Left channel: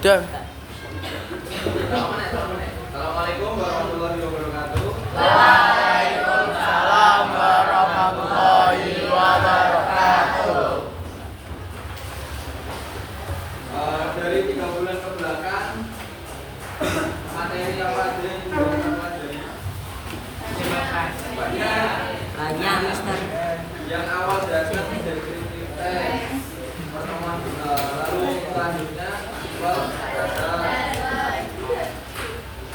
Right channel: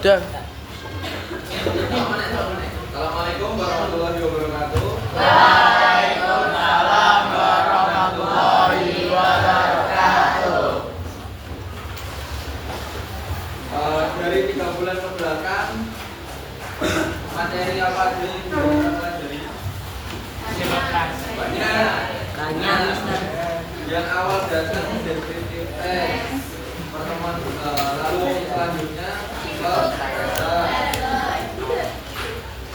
Dan Assalamualaikum warahmatullahi wabarakatuh. Waalaikumsalam warahmatullahi wabarakatuh. Dari 3 bulan ke belakang, materi apa aja yang kita pelajari? Banyak. Yang awal datang dari kritik pertemuan lalu selanjutnya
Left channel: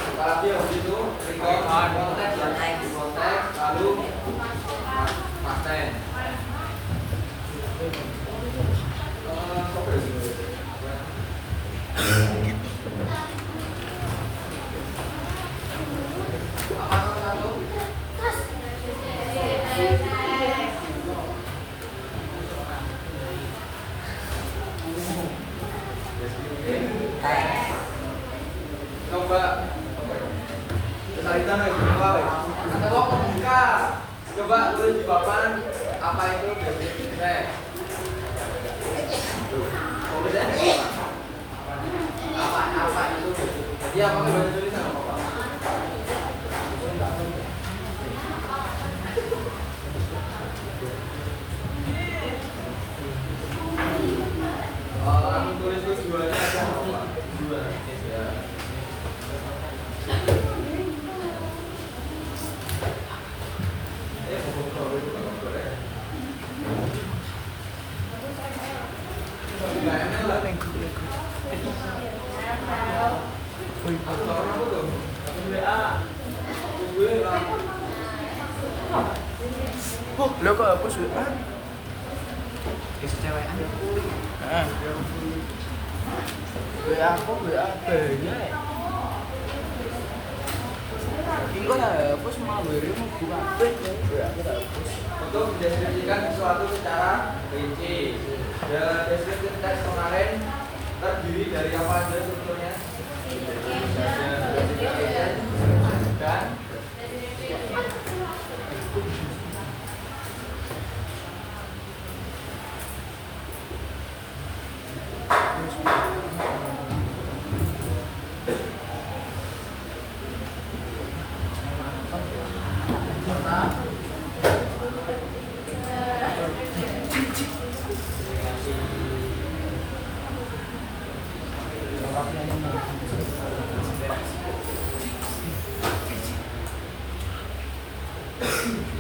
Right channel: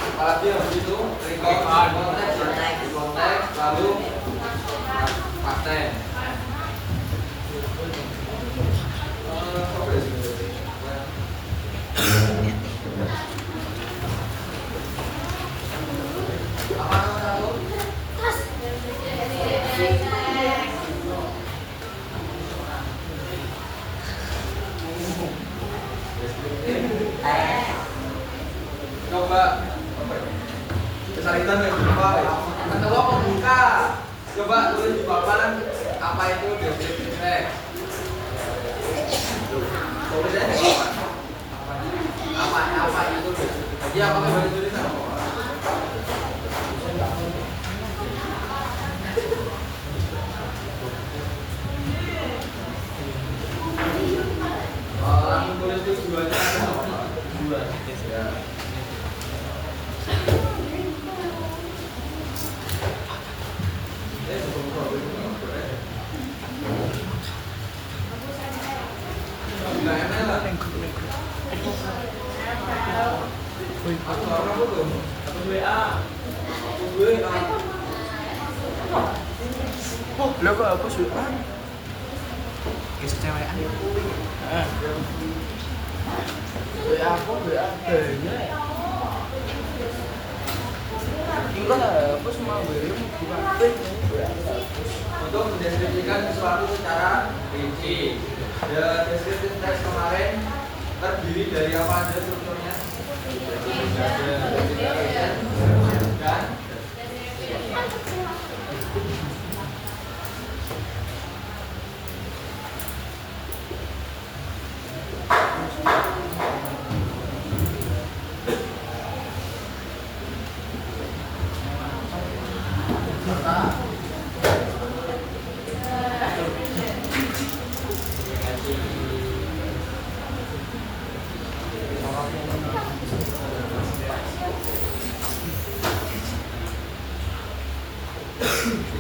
apalagi habis itu konteks lalu paten. Coba kesalitan atau pembuka. Coba tulis di papan apa itu deskripsi teks. Tulisnya di papan. Apa itu deskripsi teks? Ya, pakai bahasa tulisan. Langsung tulis tujuannya apa? Tujuan. Ya. Lo kok aku suka? Kisah cewek. Aku adanya. Enggak, aku semua beri bukan Untuk mendeskripsikan sesuatu secara rinci. Ya, deskripsi teks kemarin terdiri dari apa aja strukturnya?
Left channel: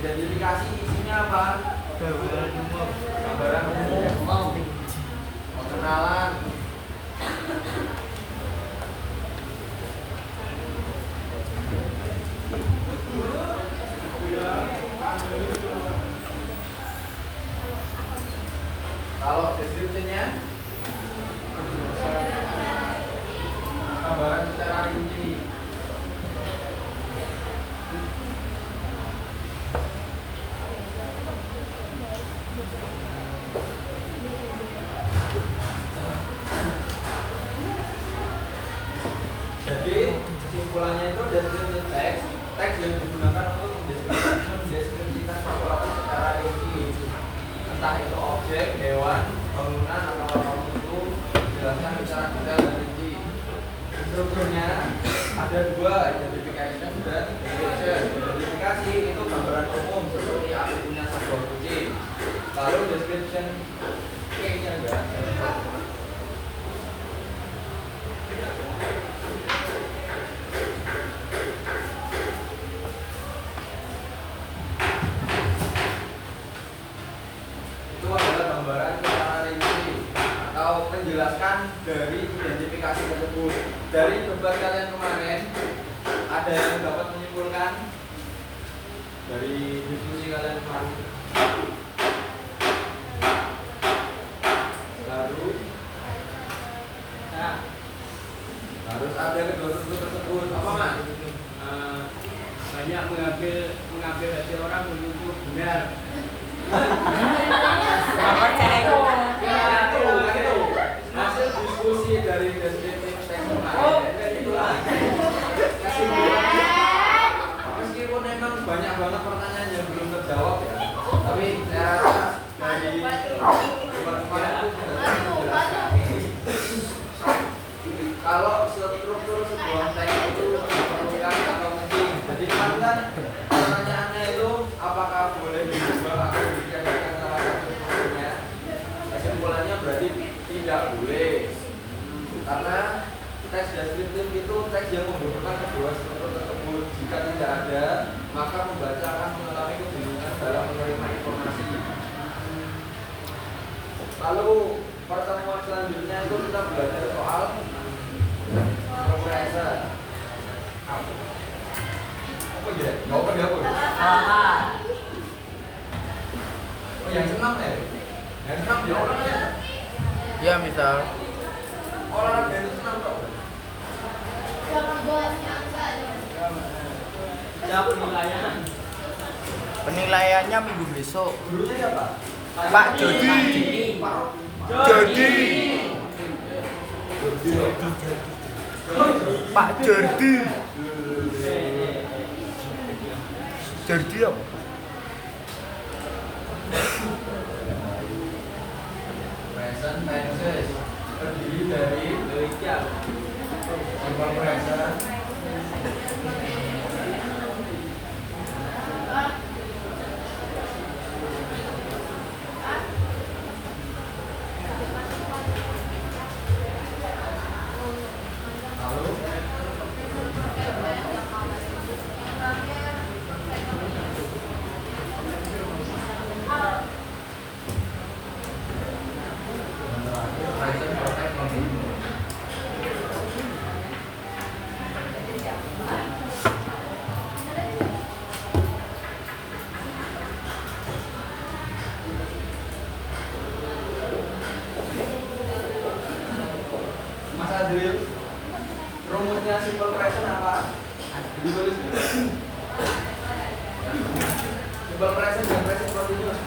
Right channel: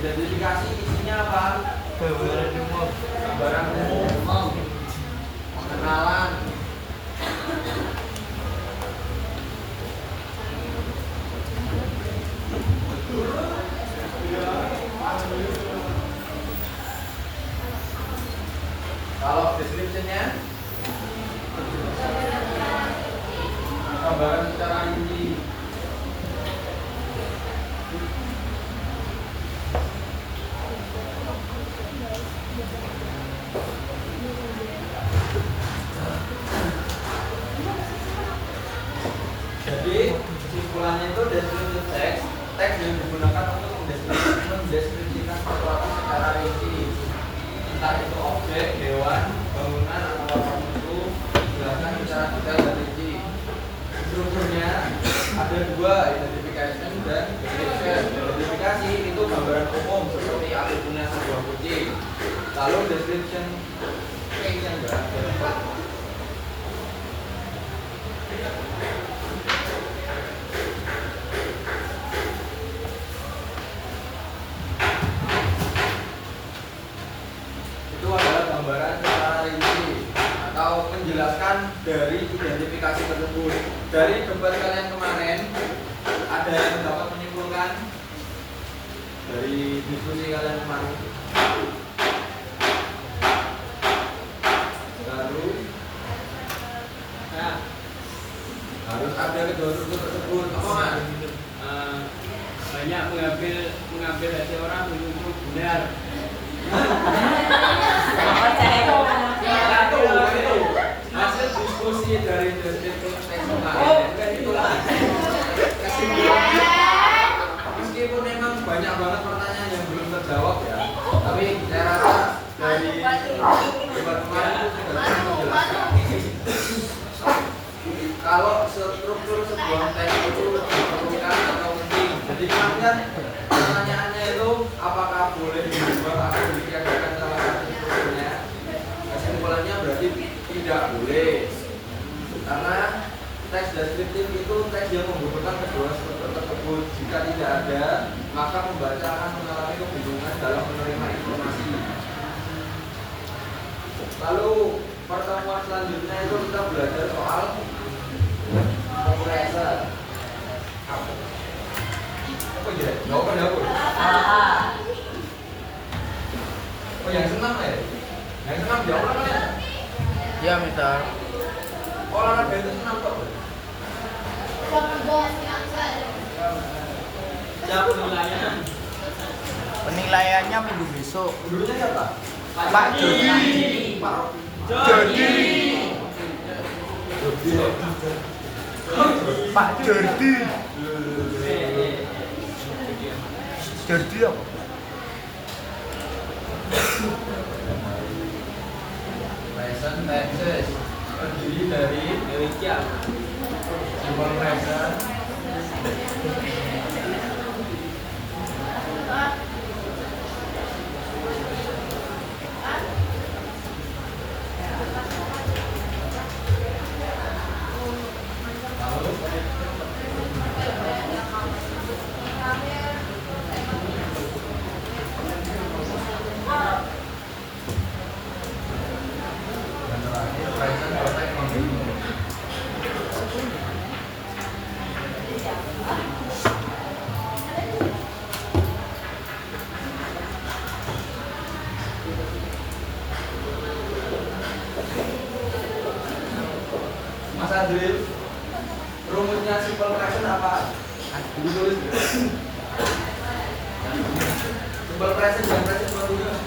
Dan identifikasi isinya apa? Gambaran umum, pengenalan, kalau deskripsinya gambaran secara rinci. Jadi kesimpulannya itu deskripsi teks yang digunakan untuk mendeskripsikan sesuatu secara rinci, entah itu objek, hewan, bangunan, atau apapun itu dijelaskan secara detail dan rinci. Strukturnya ada 2, identification dan description. Identifikasi itu gambaran umum seperti atributnya sebuah kucing. Lalu description kayaknya enggak. Itu adalah gambaran secara rinci atau menjelaskan dari identifikasi tersebut. Dari debat kalian kemarin, ada yang dapat menyimpulkan dari diskusi kalian kemarin? Harus ada kedua struktur tersebut. Apa man? Banyak mengambil hasil orang menuju benar. Itu hasil diskusi dari deskripsi teks kemarin. Itulah kesimpulannya. Meskipun memang banyak banget pertanyaan yang belum terjawab ya, tapi saya rasa dari debat kemarin itu sudah menjelaskan. sebuah teks itu diperlukan atau penting. Jadi kan pertanyaannya itu apakah boleh diubah atau ditiadakan salah satu strukturnya? Kesimpulannya berarti tidak boleh. Karena teks deskriptif itu teks yang membutuhkan kedua struktur tersebut. Jika tidak ada, maka pembaca akan mengalami kebingungan dalam menerima informasi. Lalu pertemuan selanjutnya itu kita belajar soal kompresor. Apa ya? Jawaban ya, Bu? Oh, yang senam ya? Yang senam dia orangnya? Ya, misal. Olahraga itu senam kok? Siapa penilaian? Penilaiannya minggu besok. Dulunya siapa? Pak Jody. Pak Jody. Pak Jody. Jody apa? Present tenses terdiri dari Demikian. simple present, lalu dan terakhir present perfect continuous. Mas Adril, rumusnya simple present apa? Ditulis. Simple present dan present continuous.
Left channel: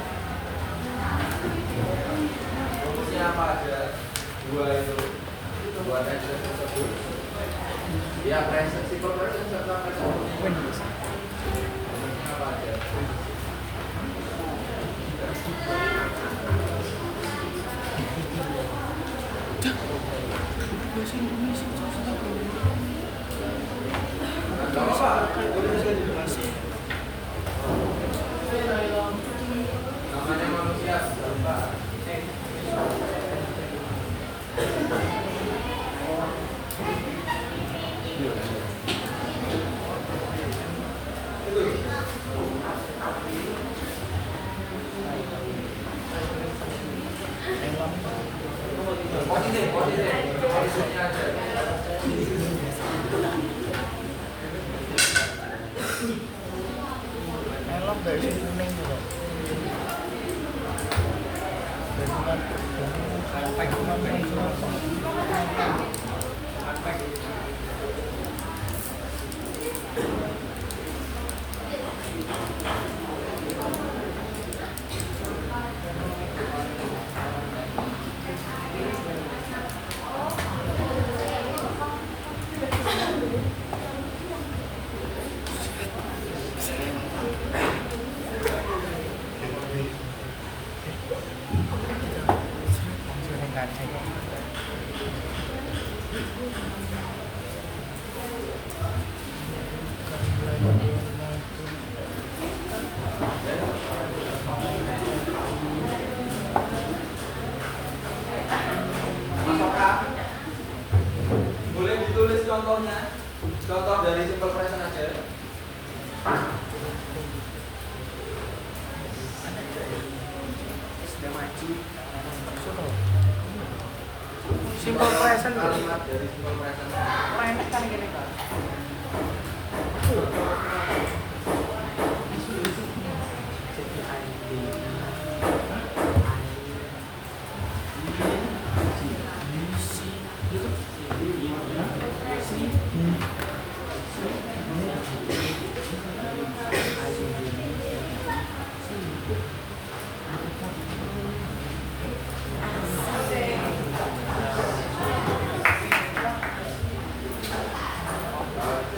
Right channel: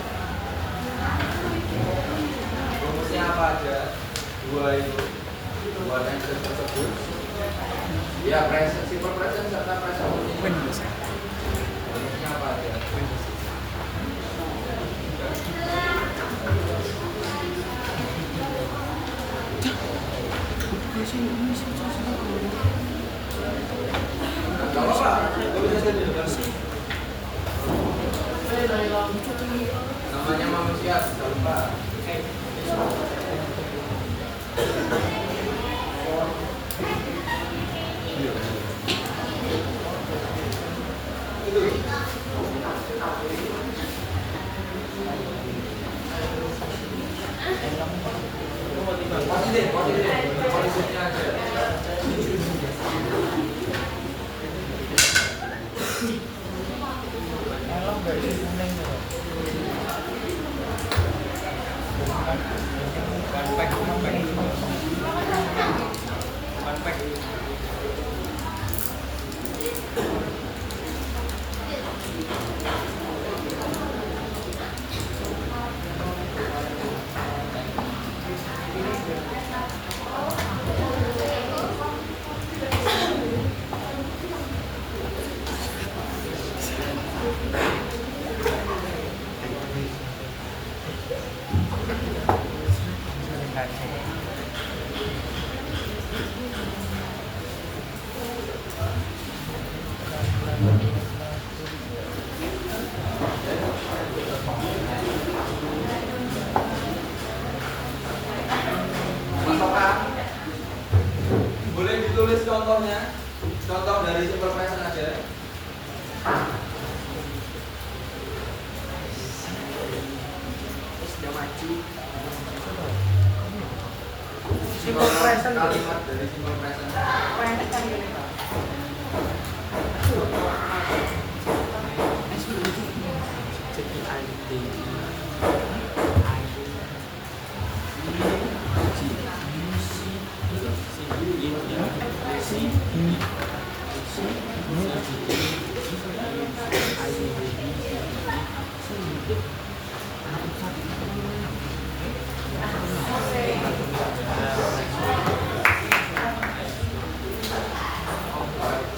Rumusnya apa aja? Dua itu, dua tenses tersebut. Ya, present, simple present serta present continuous. Rumusnya apa aja? Gak apa-apa, tulis aja di depan. Namanya manusia, jangan lupa. Itu. Positifnya aja. Elok dari kuning tuh. Apakah boleh ditulis contohnya? Contoh dari simple present aja. Simple present. Kalimat dari simple present. Pendek kan gini, Pak.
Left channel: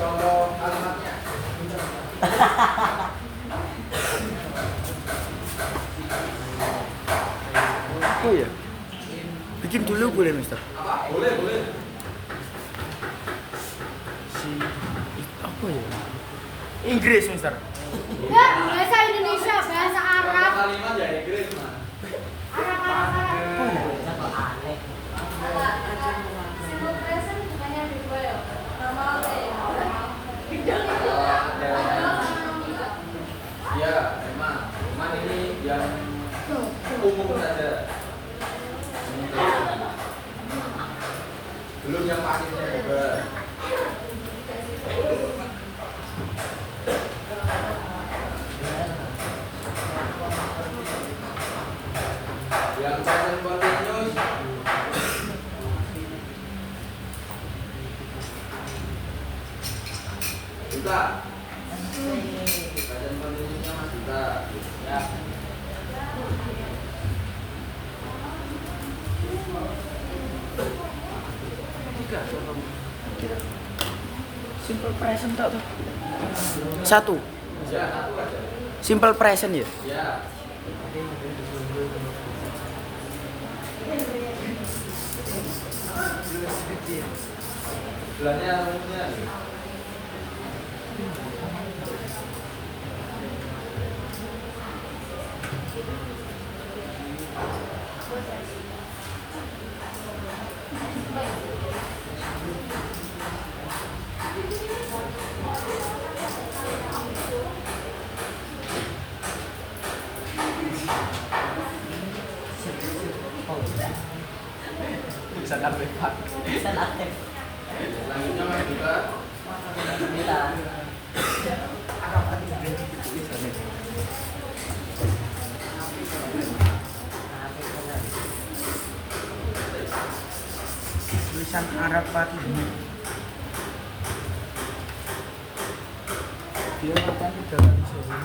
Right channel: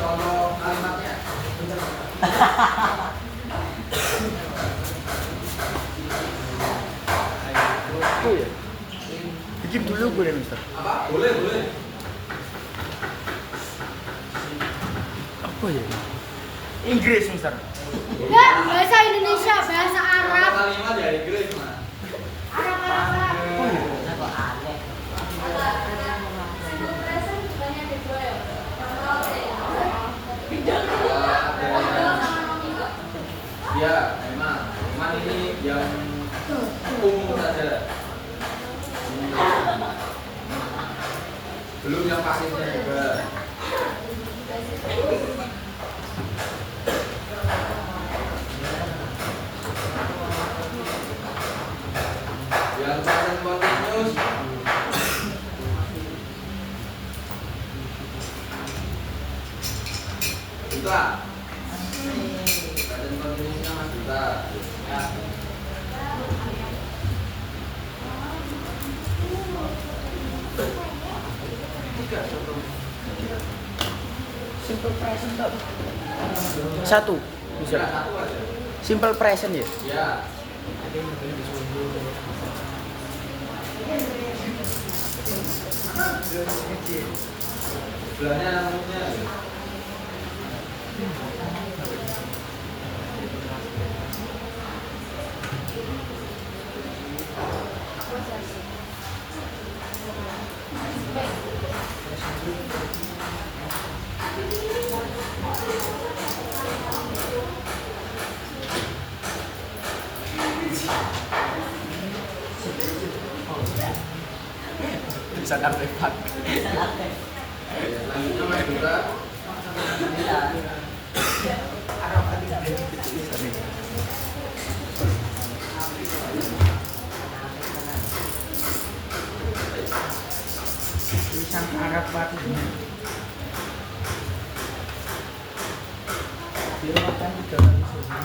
Contoh kalimatnya. Itu ya. Bikin dulu boleh, Mister. Apa? Boleh, boleh. Oh iya. Inggris, Mister. Enggak, bahasa Indonesia, bahasa Arab. Kalimat ya Inggris, Mas. Arab. Oh iya. Ya, memang ini yang umum saja. Belum yang pasifnya juga. Yang present continuous juga. Present continuousnya Mas juga. Ya. Simple present tak? Satu. Bisa satu aja. Simple present ya? Ya. Bulannya umumnya. Bisa sampai pak. Selanjutnya Mas juga. Tulisan Arab Pak. Dia akan gambar sini.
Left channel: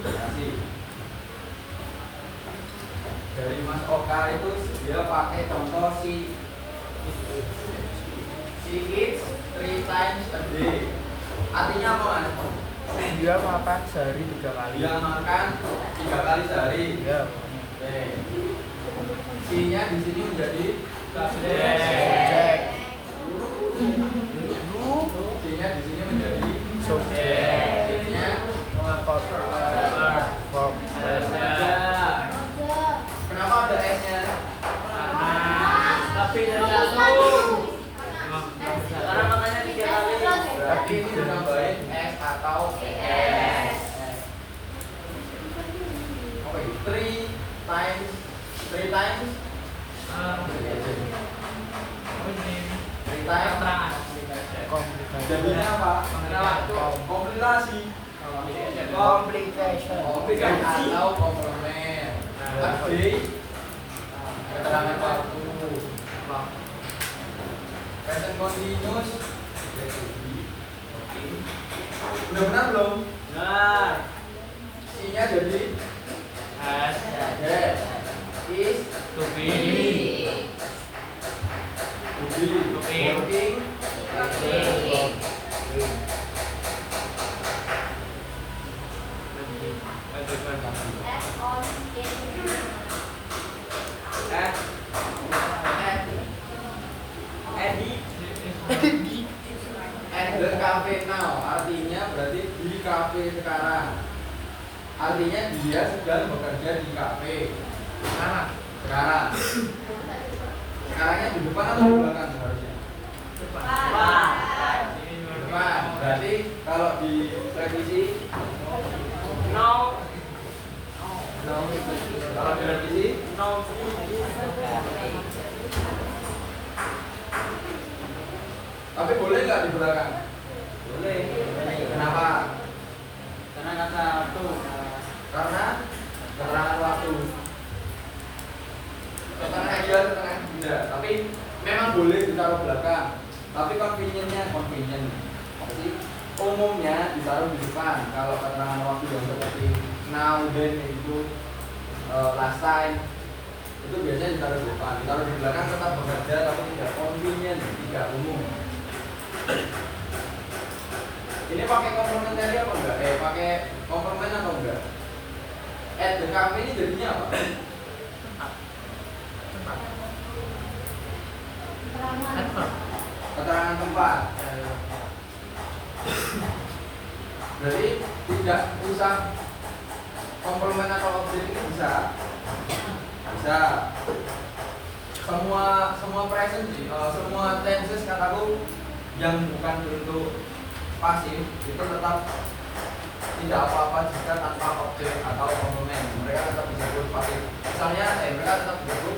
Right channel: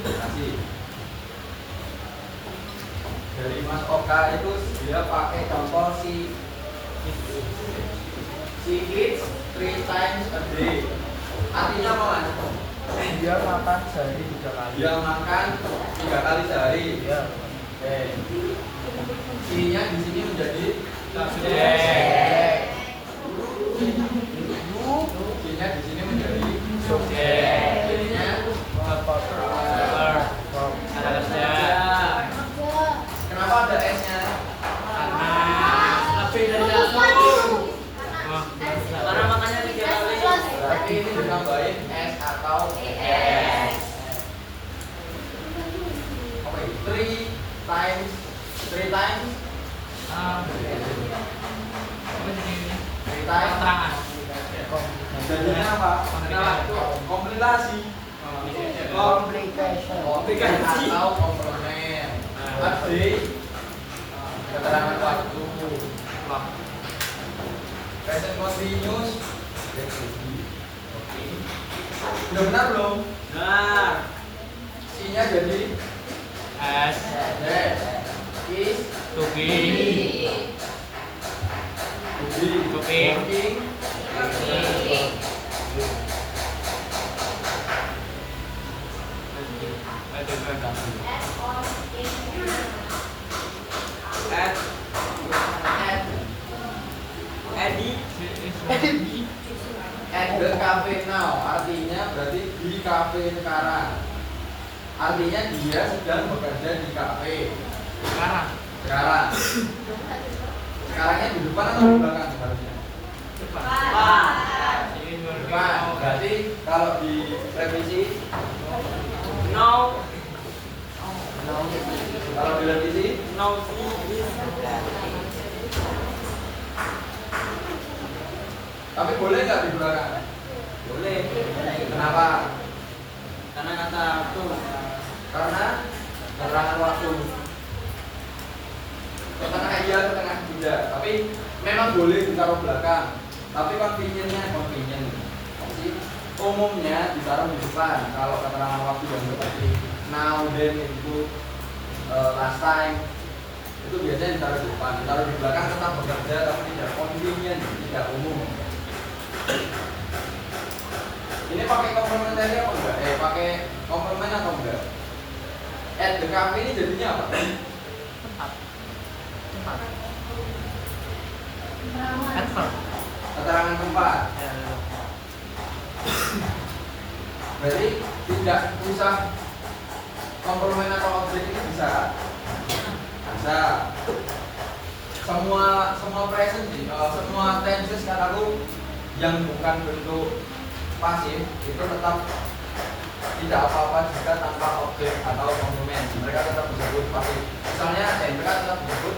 Kasih. Dari Mas Oka itu dia pakai contoh si eats 3 times a day. Artinya apa Mas? Dia makan sehari 3 kali. Dia makan 3 kali sehari. Ya. Oke. C-nya di sini menjadi Subjek. C-nya di sini menjadi Subjek. C-nya kenapa ada S-nya? Lebih dari satu. Karena makannya 3 kali. Berarti ini ditambahin S atau ES. Oke, 3 times 3 times jadinya apa? Komplikasi. Komplikasi atau komplement. Tadi keterangan waktu. Present continuous. Udah benar belum? Benar. C-nya jadi S. yes. Is To be. working. At the cafe now, artinya berarti di cafe sekarang. Artinya dia sedang bekerja di cafe sekarang. Sekarangnya di depan atau di belakang seharusnya? Depan. Berarti kalau di revisi No. kalau di revisi No. tapi boleh nggak di belakang? Boleh. Kenapa? Karena kata aku. Karena keterangan waktu. Ketengah iya, ketengah tidak. Tapi memang boleh ditaruh belakang. Tapi convenience. Umumnya ditaruh di depan. Kalau keterangan waktu yang seperti now, then, itu last time, itu biasanya ditaruh di depan, ditaruh di belakang tetap bekerja tapi tidak convenient, tidak umum. Ini pakai komplementari apa enggak? Pakai komplement atau enggak? At the cafe ini jadinya apa? Keterangan tempat. Jadi tidak usah komplement atau objek ini bisa. Semua present sih, semua tenses kataku yang bukan bentuk pasif itu tetap tidak apa-apa jika tanpa objek atau komplement. Mereka tetap disebut pasif. Misalnya, mereka tetap disebut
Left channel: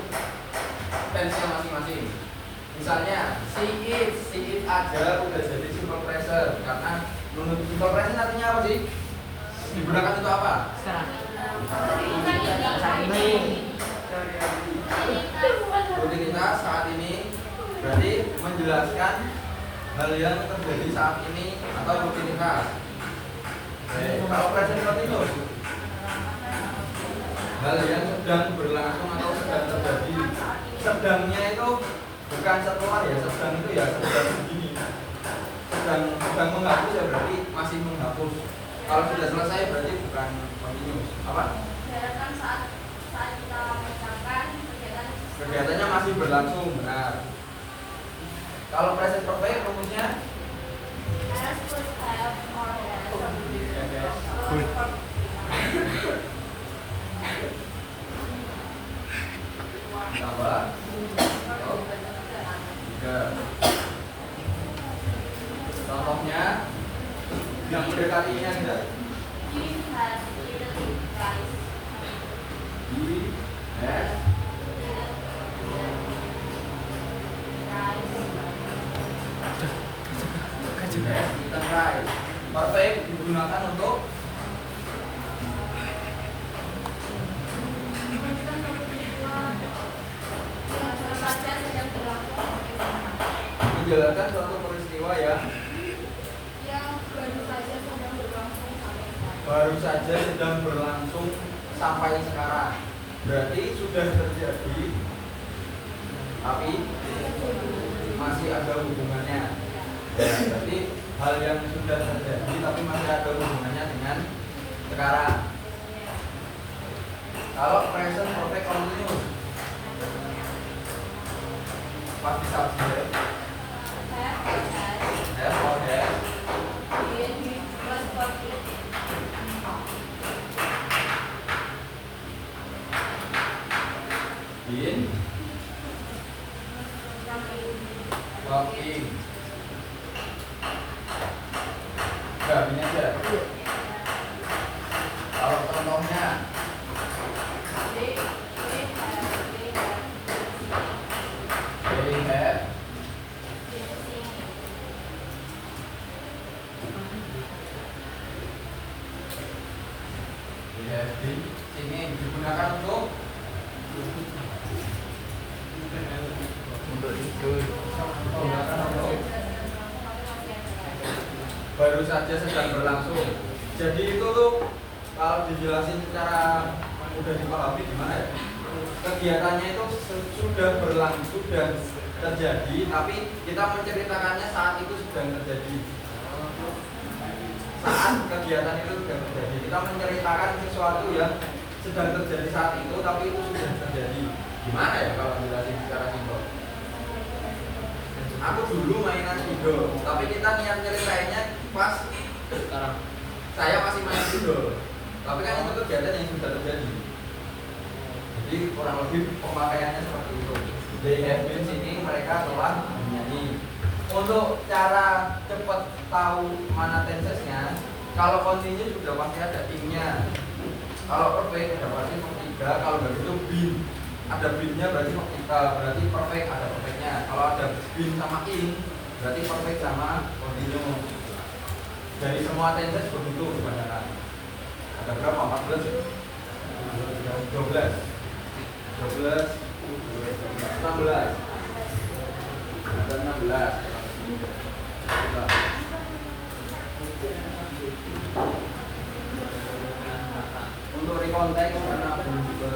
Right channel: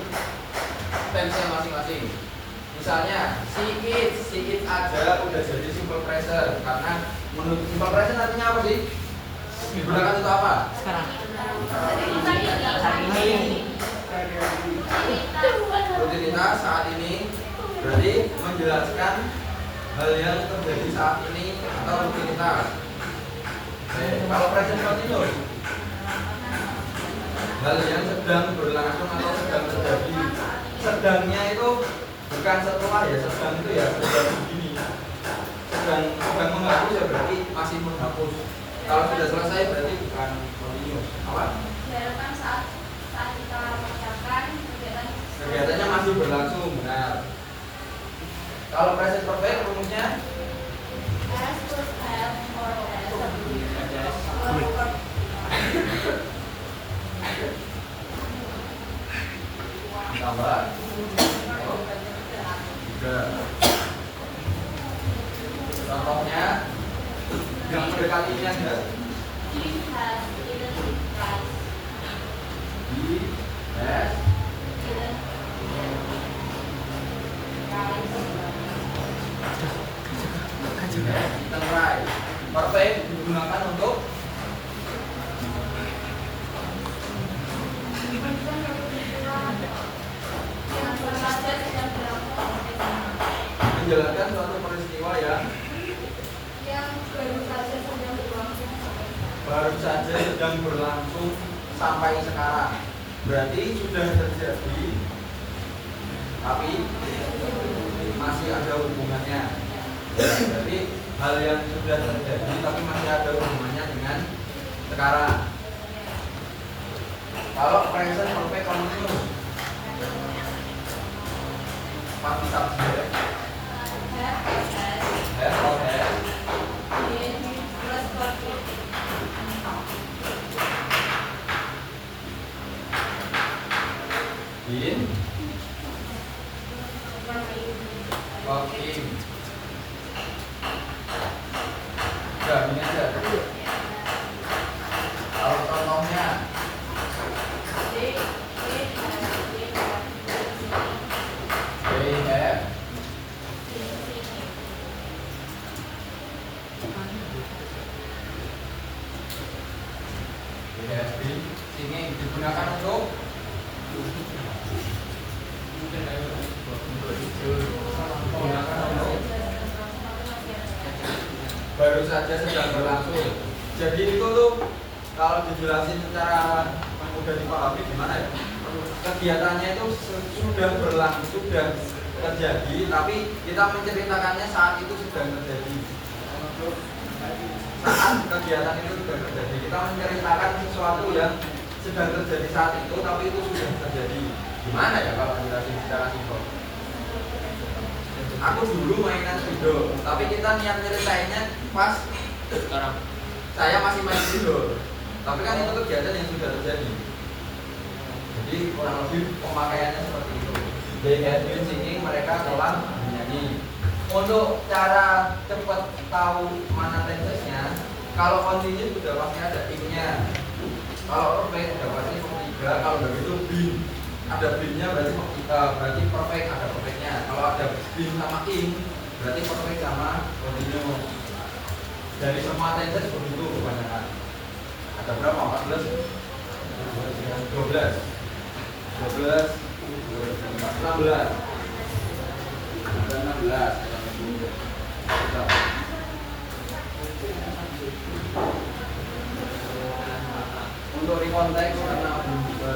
tense masing-masing. Misalnya, see it aja udah jadi simple present karena menurut simple present artinya apa sih? Digunakan untuk apa? Sekarang. Saat ini. Rutinitas saat ini berarti menjelaskan hal yang terjadi saat ini atau rutinitas. Kalau present continuous, hal yang sedang berlangsung atau sedang terjadi. Sedangnya itu bukan setelah ya, sedang itu ya sedang begini. Sedang menghapus ya berarti masih menghapus. Kalau sudah selesai berarti bukan continuous. Apa? Saat kita mengerjakan Kegiatannya masih berlangsung, benar. Kalau present perfect rumusnya tambah tiga. Contohnya yang mendekati ini ada kita try. Perfect digunakan untuk menjalankan suatu peristiwa yang baru saja sedang berlangsung sampai sekarang. Berarti sudah terjadi tapi masih ada hubungannya. Jadi hal yang sudah terjadi tapi masih ada hubungannya dengan sekarang. Kalau present perfect continuous pasti subjek have or has been walking. Udah ini aja. Kalau contohnya they have been singing digunakan untuk baru saja sedang berlangsung. Jadi itu tuh kalau dijelasin secara mudah dipahami gimana ya? Kegiatannya itu sudah berlangsung, sudah terjadi, tapi kita menceritakannya saat itu sedang terjadi. Saat kegiatan itu sudah terjadi, kita menceritakan sesuatu yang sedang terjadi saat itu, tapi itu sudah terjadi. Gimana ya kalau dijelasin secara simpel? Aku dulu mainan video, tapi kita niat nyeritainnya pas Sekarang. saya masih main video. Tapi kan itu kegiatan yang sudah terjadi. Jadi kurang lebih pemakaiannya seperti itu. They have been singing, mereka telah menyanyi. Untuk cara cepat tahu mana tensesnya, kalau continue sudah pasti ada ing-nya. Kalau perfect sudah pasti tiga. Kalau begitu been, ada been-nya berarti perfect, ada perfect-nya. Kalau ada been sama ing, berarti perfect sama continue. Dari semua tenses begitu kebanyakan. Ada berapa? 14? 12 16 ada 16. Untuk rekonteks karena belum juga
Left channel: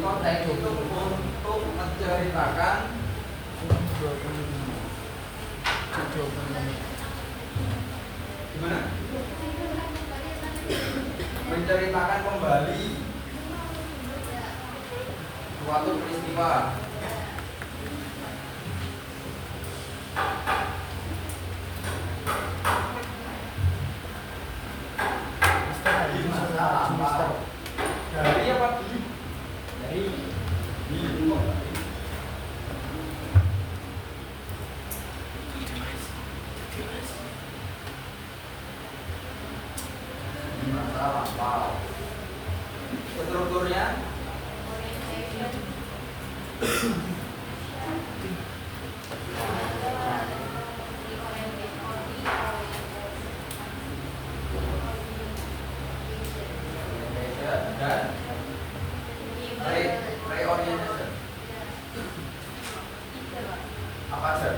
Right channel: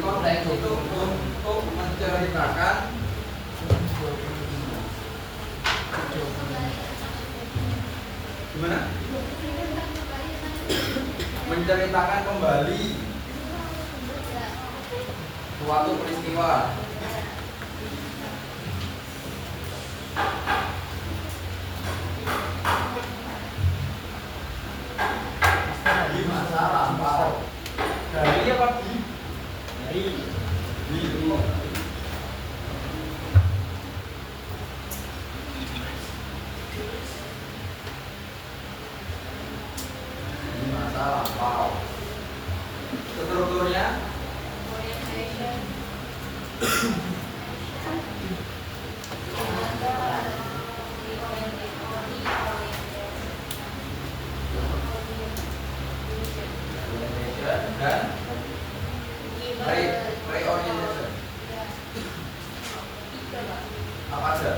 Konteks itu untuk menceritakan gimana? Menceritakan kembali suatu peristiwa. Di masa lampau. Dari apa? Dari dulu. Di masa lampau. Strukturnya dan reorientation. Apa aja?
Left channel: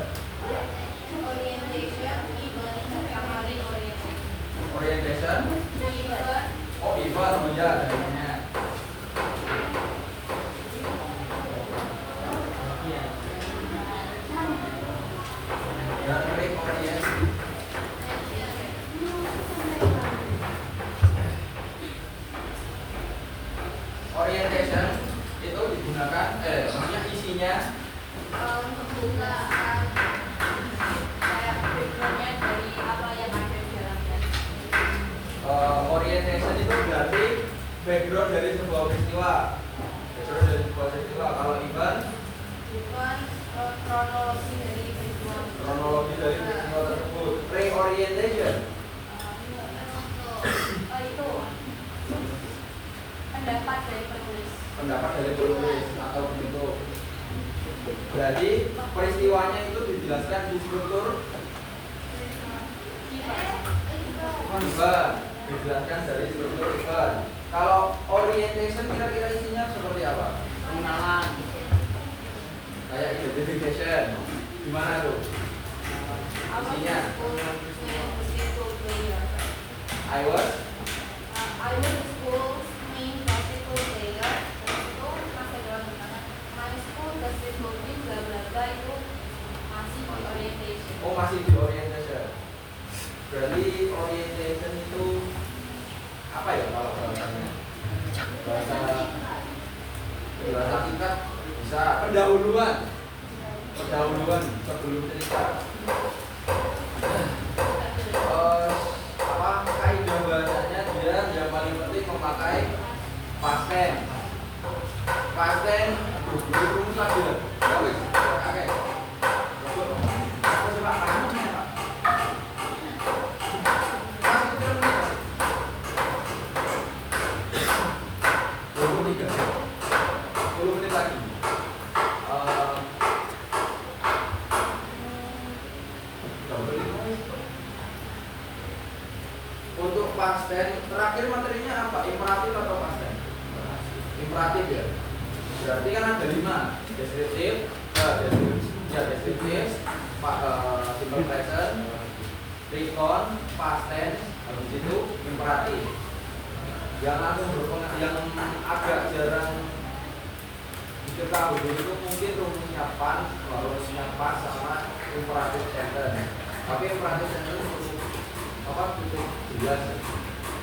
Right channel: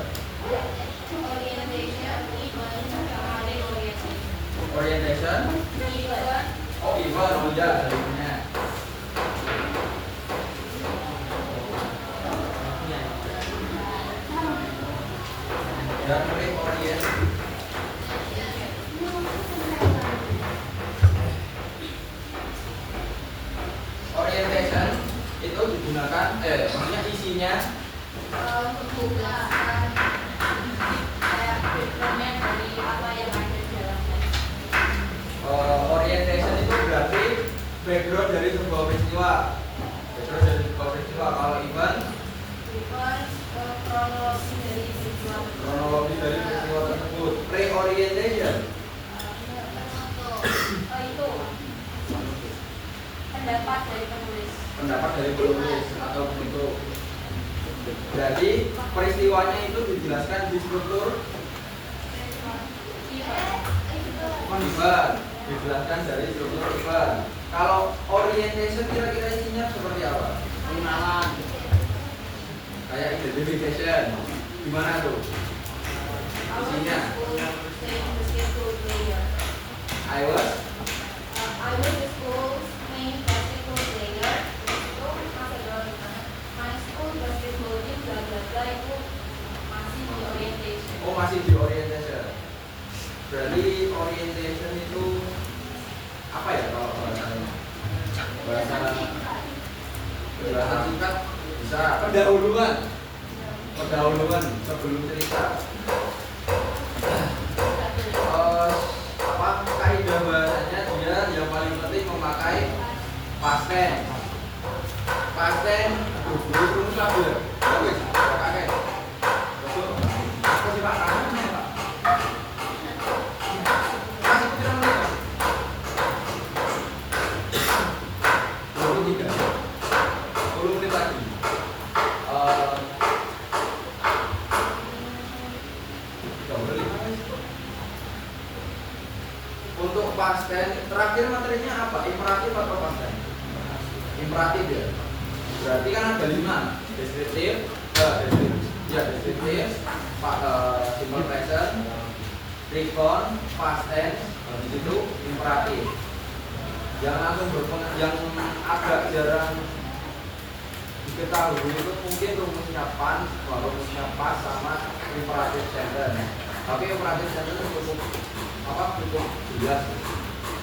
Orientation. Oh, event. Oh ya, eventnya. Dan reorientation. Orientation itu digunakan, maksudnya isinya orientation itu berarti background dari sebuah peristiwa. Background dari sebuah peristiwa. Kalau event, kronologi dari peristiwa tersebut. Reorientation, pendapat dari penulis atau bentuk. Jadi peristiwanya itu dijelaskan di struktur event, dijelaskan dari struktur event. Kalau orientation kira-kira isinya seperti apa? Pengenalan. Kayak identification, gimana tuh? Isinya I was oh masih di orientation. Berarti orientation itu apa ya kalau bahasa singkat bisa pendahuluan sebelum cerita. Apa kaidah bahasanya dia yang paling penting memakai past tense. Past tense rumus apa ya? Wis, pakai. Apa sih Pak? Namanya Pak. Masih kira menit. 23. 10 menit lagi. Untuk past tense terakhir materinya apa? Imperatif atau past tense? Imperatif ya. Berarti kan ada 5. Deskriptif, deskriptif, simple present, recon, past tense, habis itu imperatif. Yang agak jarang diketahui itu mungkin rumusnya pan, rumusnya pas sama imperatif sentence. Tapi imperatif sentence cukup jelas.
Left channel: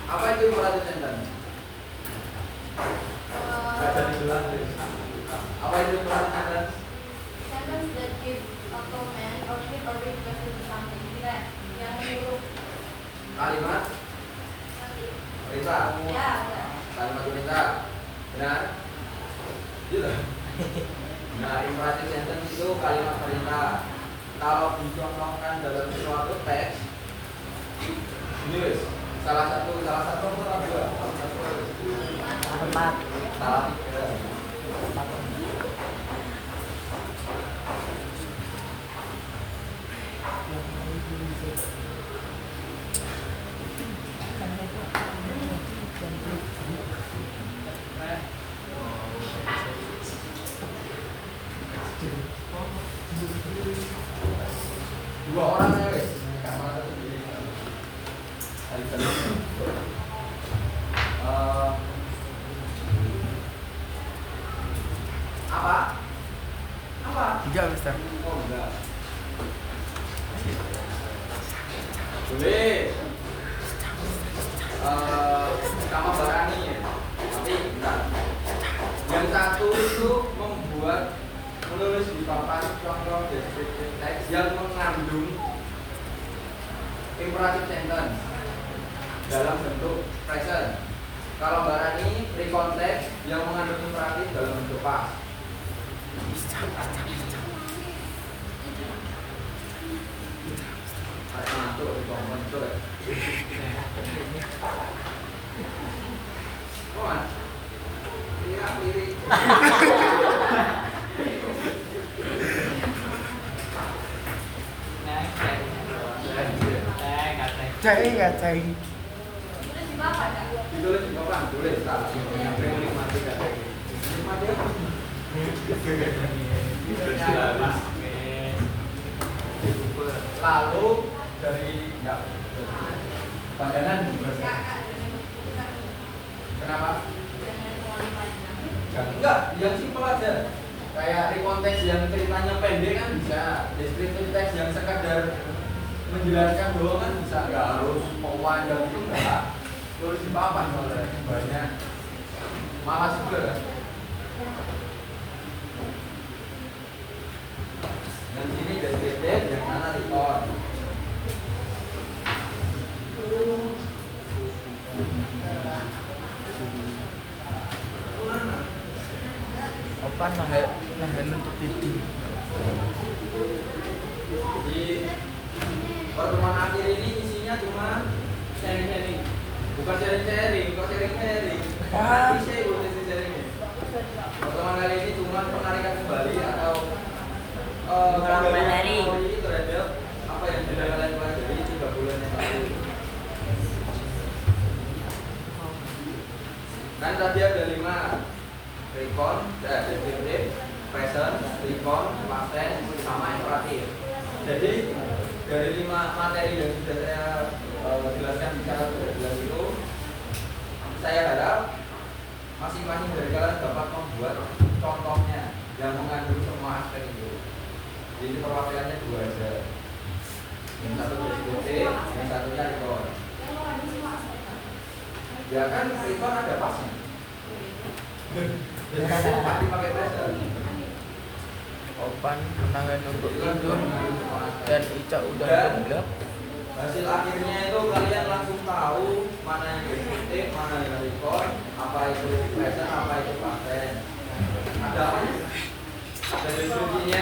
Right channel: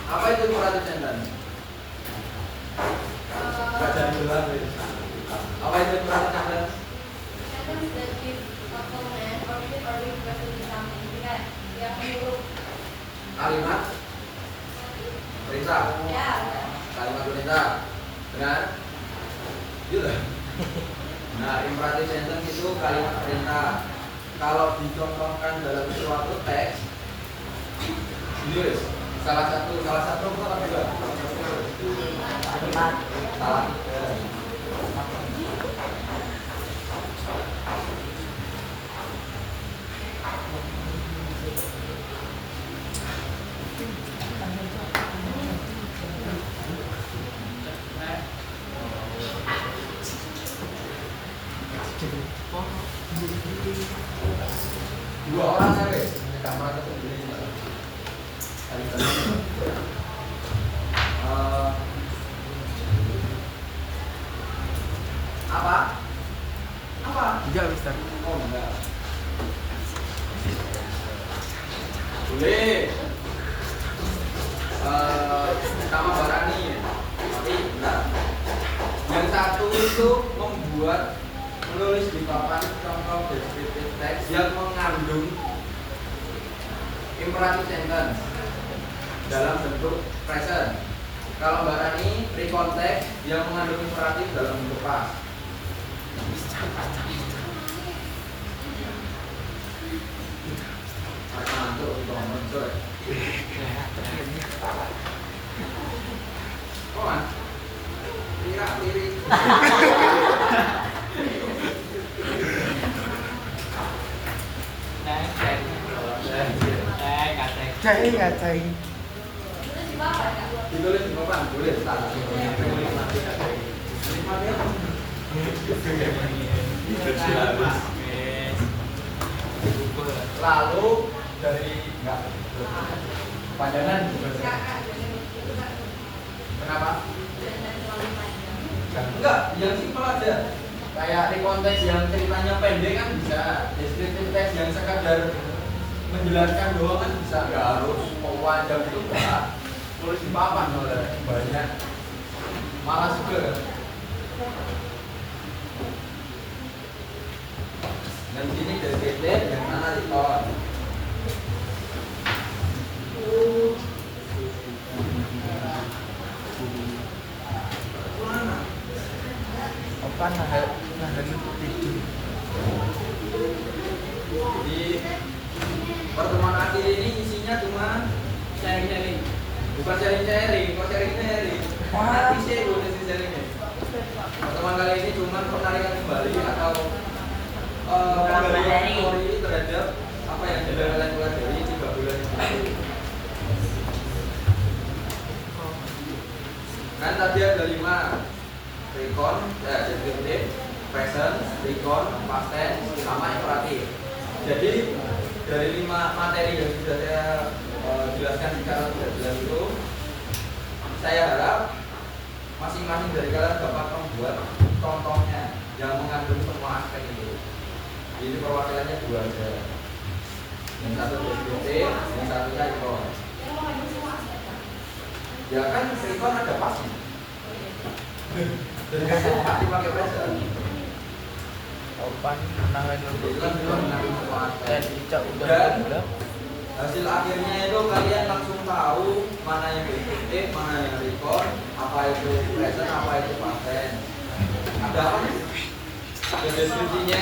Apa itu imperatif sentence? Gak jadi jelas. Apa itu imperatif sentence? Kalimat perintah. Kalimat perintah. Benar? Iya. Nah, imperatif sentence itu kalimat perintah. Kalau dicontohkan dalam suatu teks, yes, salah satu salah dua. Salah tiga. merasa guys, nggak merasa sendiri. Apa? Apa? Enggak, Mister. Oh enggak. Boleh. Sama barani, tapi enggak. Yang satu itu membuat menulis di papan contoh descriptive text yang mengandung imperative sentence dalam bentuk present. Kalau Mbak Rani recon text yang mengandung imperatif dalam bentuk past. Masuk di komen coy. Kon. Lirik. Cai ya, cai. Ditulis di papan, tulis salah. Lalu dari enggak pandangan kenapa? Enggak, yang simpel aja. Kayak di konteks yang ceritanya pendek kan bisa, descriptive text yang sekadar menjelaskan doang kan bisa, nggak harus panjang itu enggak. Tulis di papan soalnya banyak. Malas juga kan? Dan di sini descriptive yang mana record. Apa nanggal itu? Di pertemuan akhir ini isinya cuma sharing-sharing. Bukan sharing-sharing, kok sharing-sharing. Nanti saya boleh sharing. Pertemuan kali ini cuma penarikan kembali atau pemberian teori terhadap apa yang sudah kalian pelajari 3 bulan yang lalu. Kan tadi ada 5 recon, descriptive, present, recon, past tense, sama imperatif. Jadi dari 5 materi yang sudah saya jelaskan secara sudah jelas itu, saya harap masing-masing dari kalian dapat membuat contohnya yang mengandung semua aspek itu. Jadi perwakilannya 2 aja. Yang satu descriptive, yang satu recon. Ya kan recon ada pasnya. Jadi kan pasti pakai present. Opan menangan untuk itu dan Ica udah bulat. Hasil akhirnya itu kalian langsung tahu mana yang descriptive, mana yang recon, apa itu present, apa itu past tense. Ada apa nih? Ada deskripsinya.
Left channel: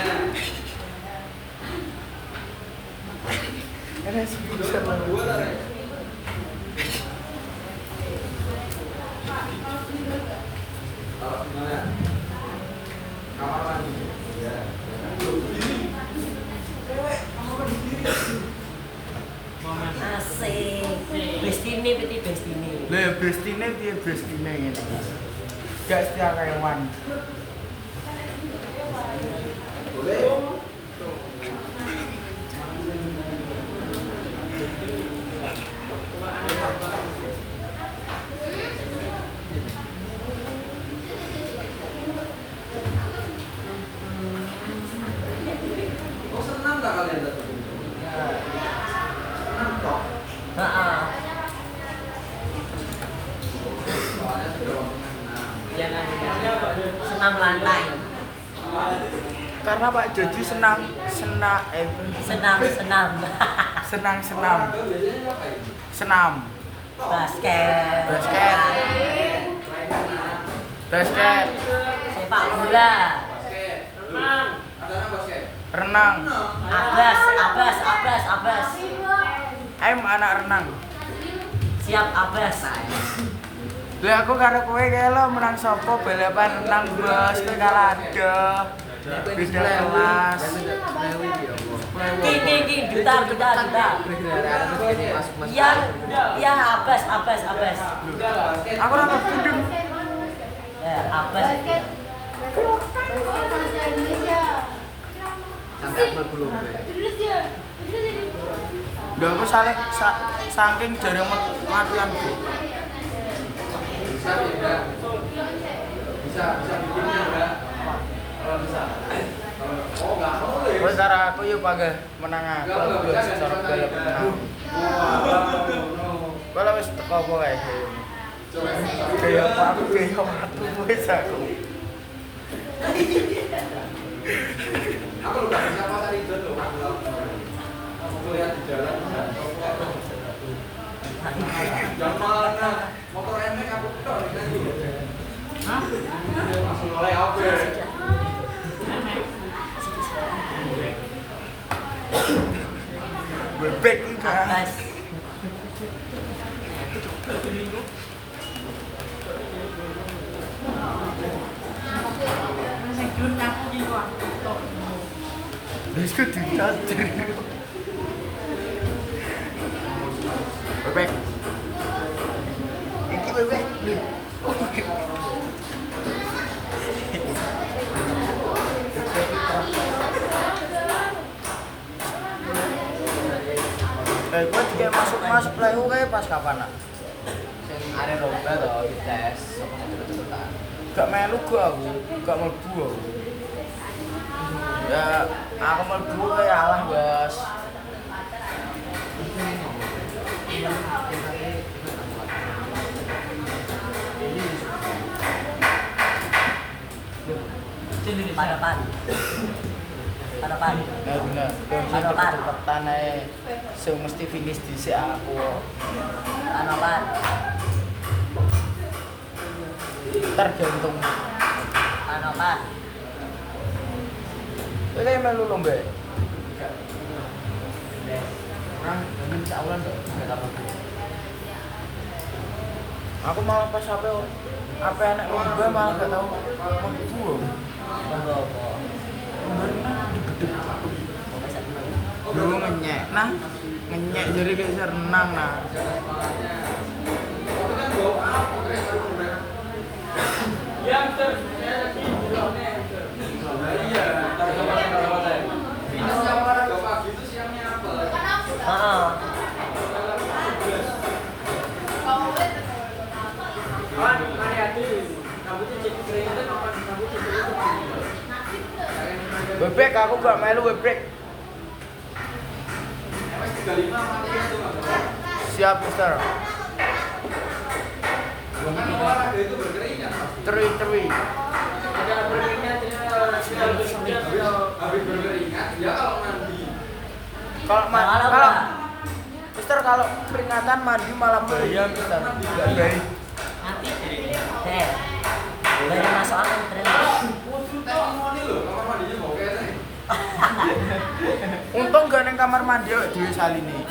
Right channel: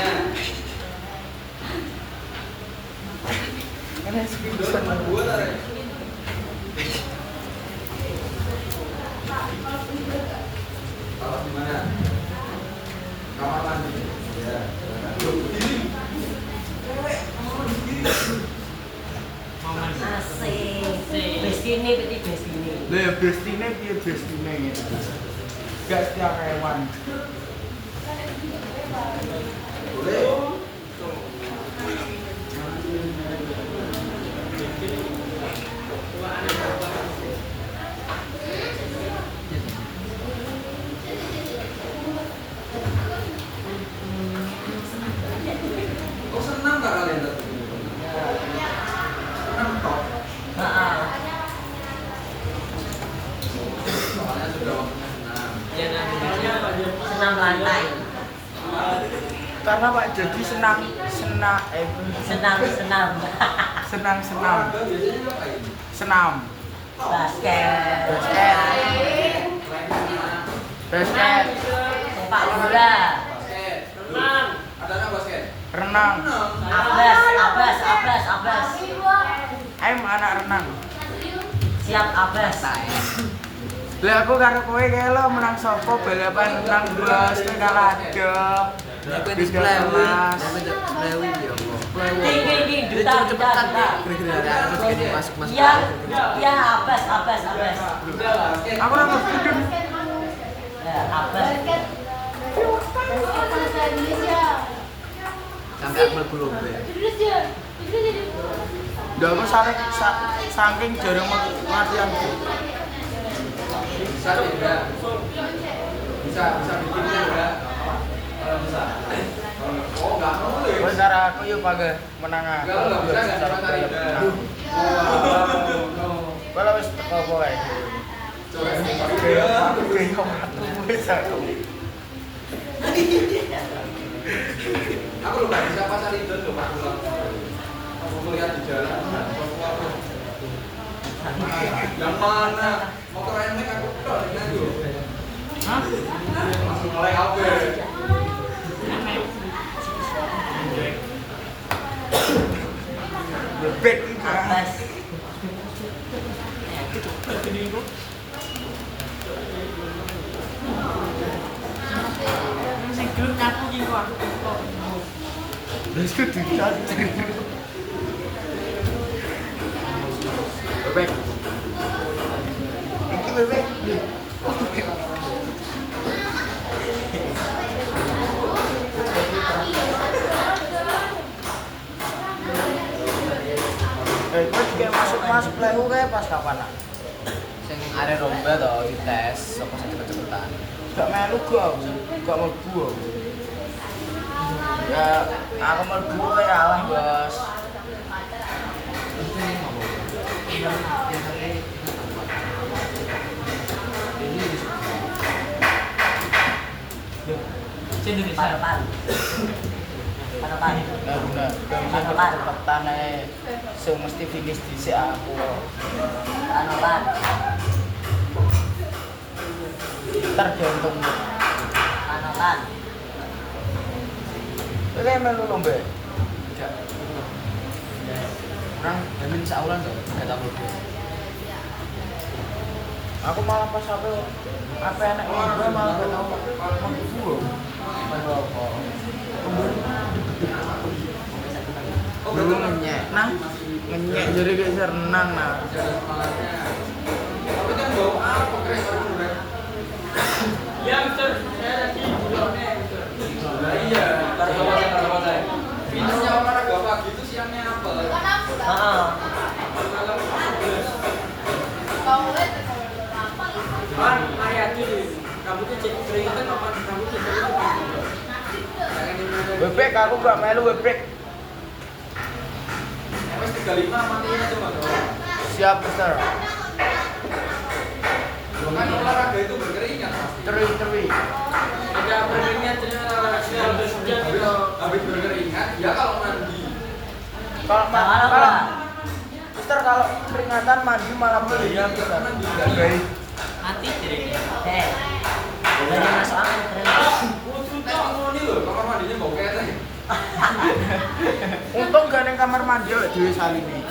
Ada Bisa membuat ada. Kalau gimana? Kamar mandi. Ya. Asik. Bestine berarti bestine. Lah bestine piye bestine gitu. Gak setiap hewan. Boleh. Kok senang gak kalian datang? Senang toh? Soalnya sudah waktunya senang. Senam lantai. Karena Pak Dedi senang Senam. senang Olahraga biasanya ngapain? senam Basket. basket basket Sepak bola. Basket. Renang. Ada apa basket? renang Abas. anak renang. Siap abas. Lah aku karo kowe kae lo menang sopo balapan nang blas Kalada. Wis kelas. Di duta. Iya abas. Aku ora ngerti. Abas. Indonesia. Sampai belum. Indonesia. Enggak aku saking jarang latihan tuh. Bisa tidak? Bisa bikin tidak? Kalau bisa. Oh nggak boleh. Terus cara aku yuk pakai menang aku. Nggak bisa kayak tidak. Kalau wis teko wae. Aku bingung aku bisa. Aku nggak bisa pasar itu loh. Aku lihat di jalan. Yang mana? Motor emek aku tuh dengan tuh. Langsung mulai apa? Bebek itu guys. Sing dulu nyapu iki kok. Wis dicat. Bebek. Bebek. Kok juga masuk lah itu kayak pas kapan lah? Yang ada lomba atau tes apa satu-satuan. Gak melu gua aku, gak mlebu aku. Ya, aku mlebu ya alah, Bos. Sini di sana. Ya bener, bensin kecepatan ae. So mesti finish dhisik aku. Tergantung. Ini melu lomba. Orang memang saulan tuh nggak tahu. Aku malah pas apa enak lomba malah gak tau mlebu. Dulu ngenyek, nah ngenyek jadi kayak renang nah. Tapi kan bawa apa kereta? Ya, betul. Iya, pada finishnya olahraga pagi itu siangnya apa? Kan mari atu rambutnya jadi keringetan apa rambutnya jadi Bebek aku gak melu bebek. MS 35 makin itu Mas. Siap besar. Kan olahraga itu berkeringat. Teri. ada beringnya Habis berkeringat, ya kalau mandi. Kalau Mister kalau peringatan mandi malah bahaya Mister. Baik. nanti jadi banyak masuk angin Ini loh, kamar mandinya bau ketek. Untung gak neng kamar mandi di Salini.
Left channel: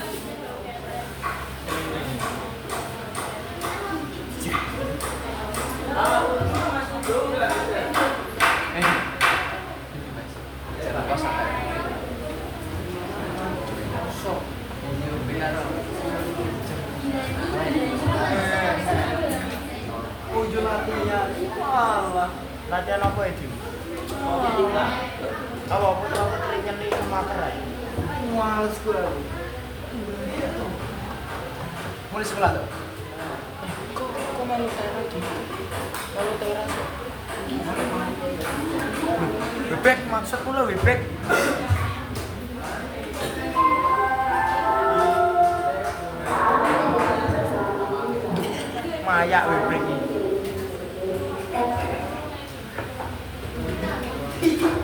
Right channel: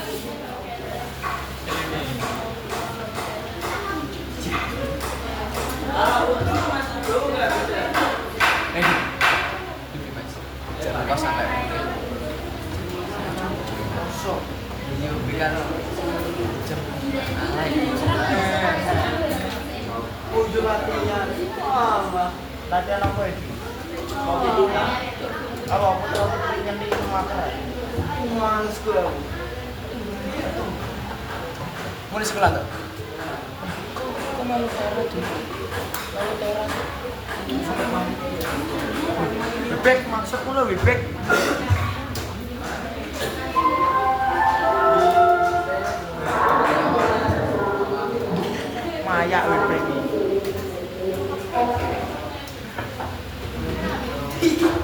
Latihan apa itu? Kalau aku tahu yang di rumah males sekolah. Mulai sekolah tuh. Kok malu teras tuh? Malu teras. Bebek maksudku lo bebek. Mayak bebek ini. Bebek.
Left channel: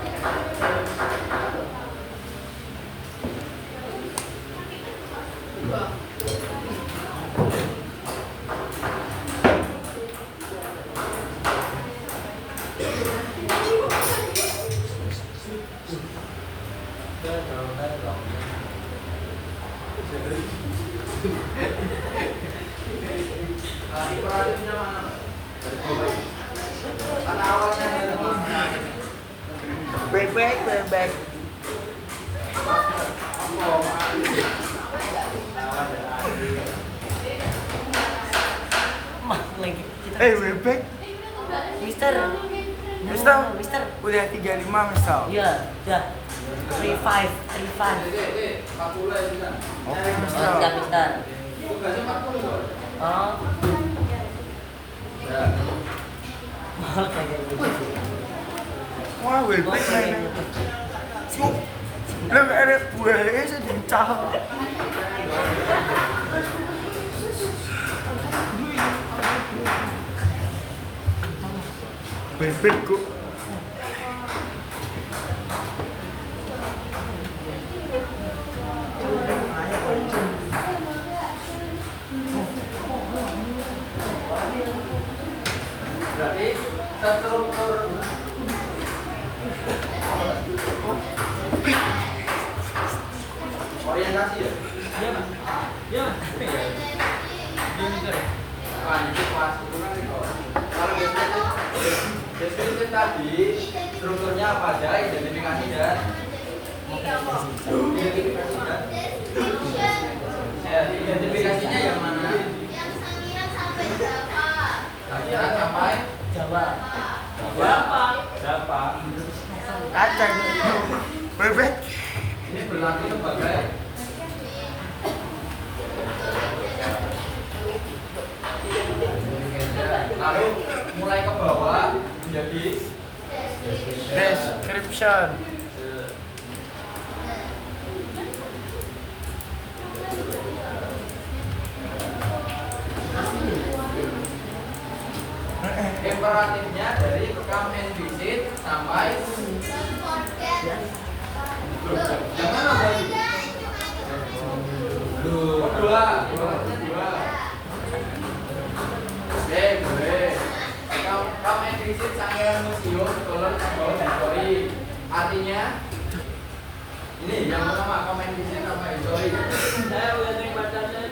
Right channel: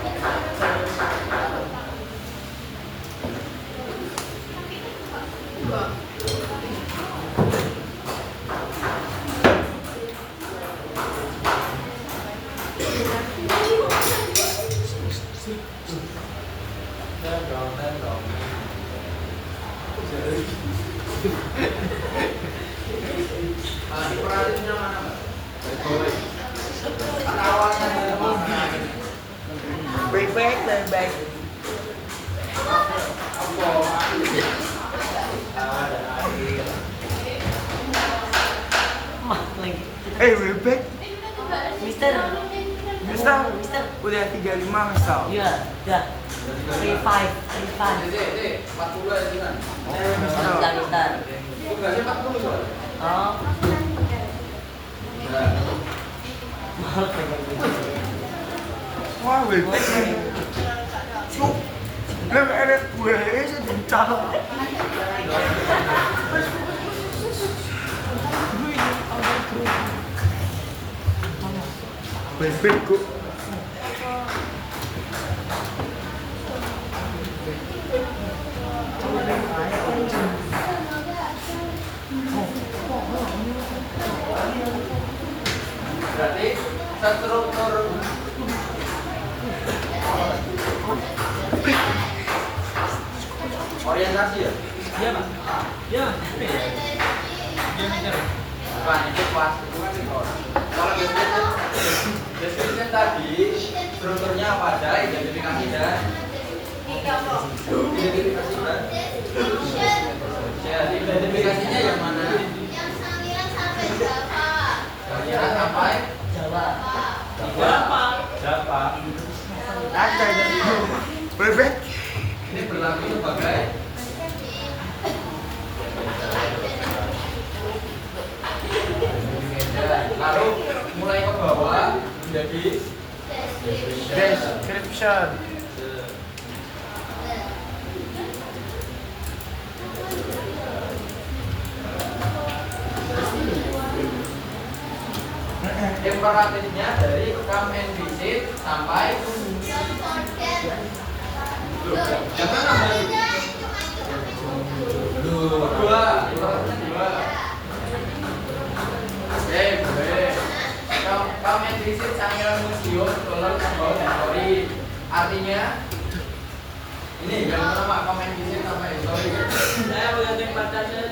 Bebek. Mister Mister udah 35 misal. iya udah 35 40 ya kan. Oh, pulpen. Lah ada gue sedental. Pulpen kok. Berarti struktur orientasi ya? Iya, Mas. Iya, Mas. Dia mikir. Bukan, itu kelas itu kan itu. Kalau description tadi strukturnya apa aja, identifikasi dan ya, identifikasinya yang mana? Sangiran sampai Jawa. Java. Aceh itu. Pulpen. Ini berlaku sebagai lalu mulai ke bawah menjadi Description. imperatifnya dari come and visit sampai yang mana berarti? Dua, imperatifnya dua. Boleh. Come and visit Sangiran Museum Color and Bau History. Artinya ini yang pertama come and visit sama history. Saya boleh cek bacanya.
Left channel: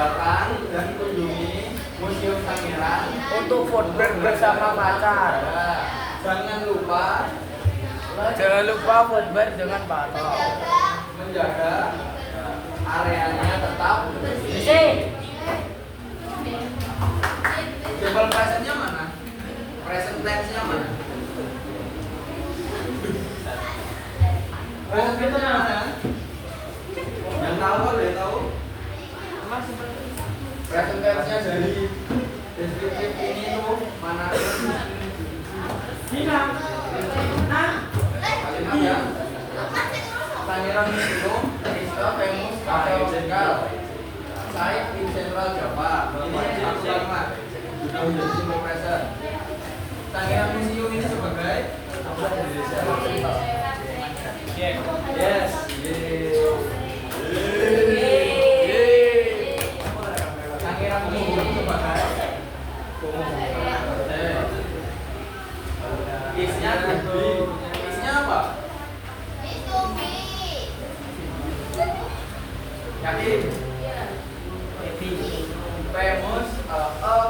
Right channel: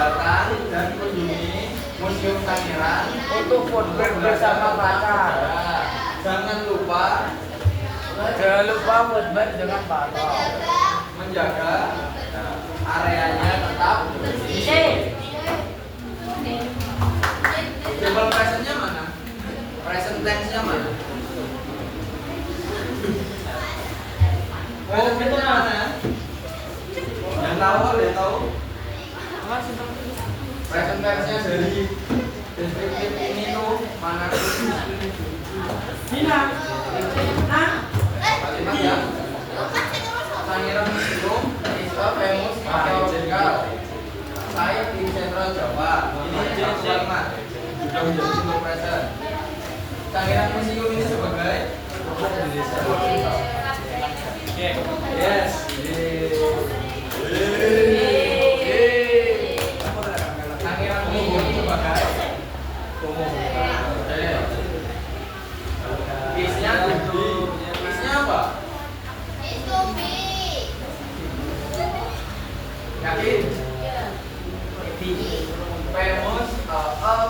Datang dan kunjungi Museum Sangiran Untuk footprint bersama pacar. Jangan lupa footprint dengan pacar. menjaga areanya tetap bersih. Verbal presentnya mana? Present tense-nya mana? Present tense-nya mana? Yang tahu boleh tahu? Present tense-nya dari deskriptif ini tuh mana? Kalimat yang Sangiran Museum is a famous archaeological site in Central Java. Ini satu kalimat. Kita menjadi simple present. Sangiran Museum ini sebagai yes. Sangiran Museum sebagai bisnya apa? Yakin? Famous, a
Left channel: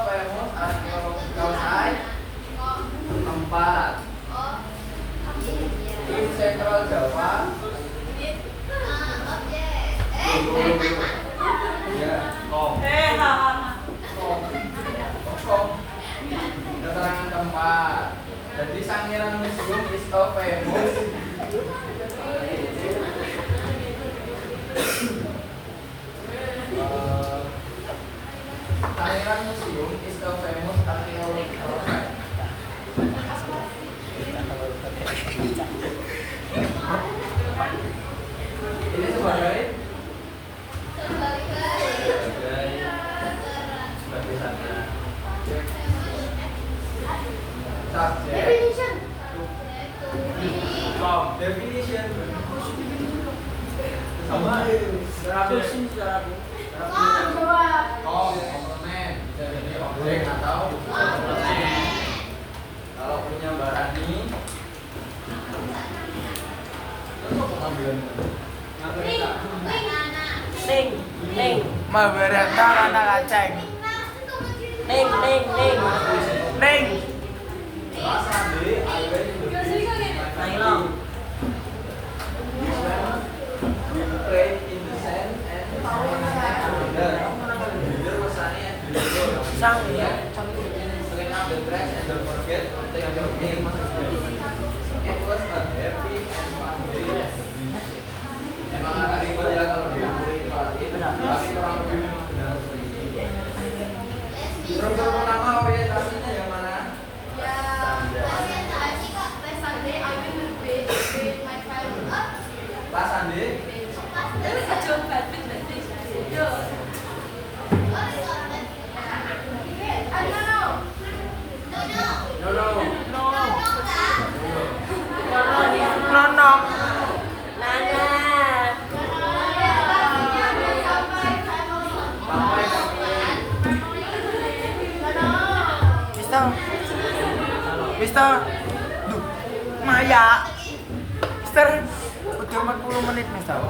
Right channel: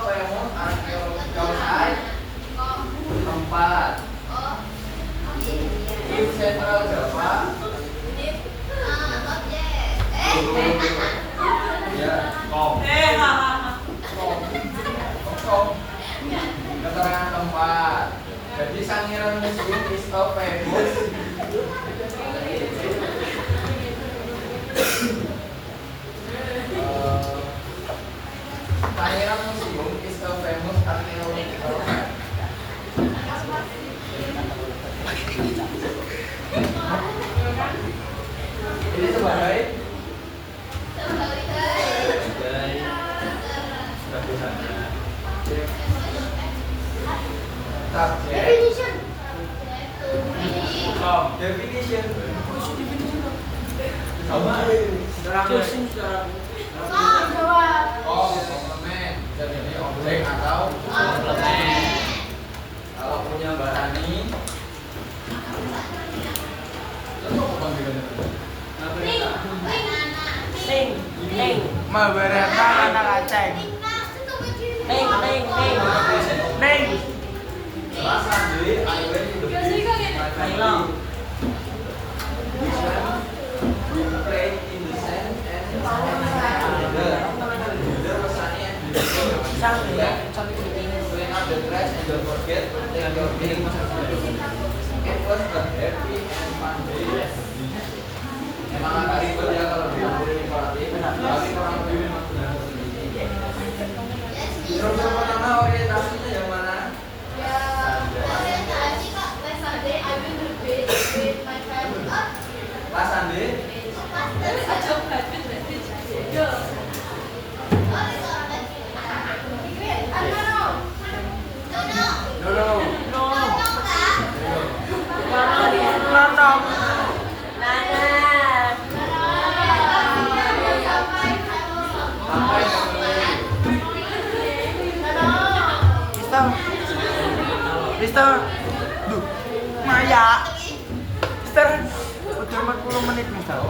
famous archaeological site. 4. In Central Java. Ya. Keterangan keempat. Jadi Sangiran Museum is a famous Sangiran Museum is a famous archaeological site. Ini sebagai subjek. Definition. Sama. Komplement bisa jadi objek atau komplement. Kalau punya barani, tentu pemanggilan itu. Mabarata kata kaceng. Neng. Silakan beli air play in the sand and clean up the trash and don't forget to take your game. It was a happy and fun day. Emang hari itu ya kalau dihubungi pelatih, tapi kurang lebih memang sudah sedikit. Struktur pertama orientasinya yang mana? Andi? Mister, duh, Maya, Mister, udah 40 menit Mister.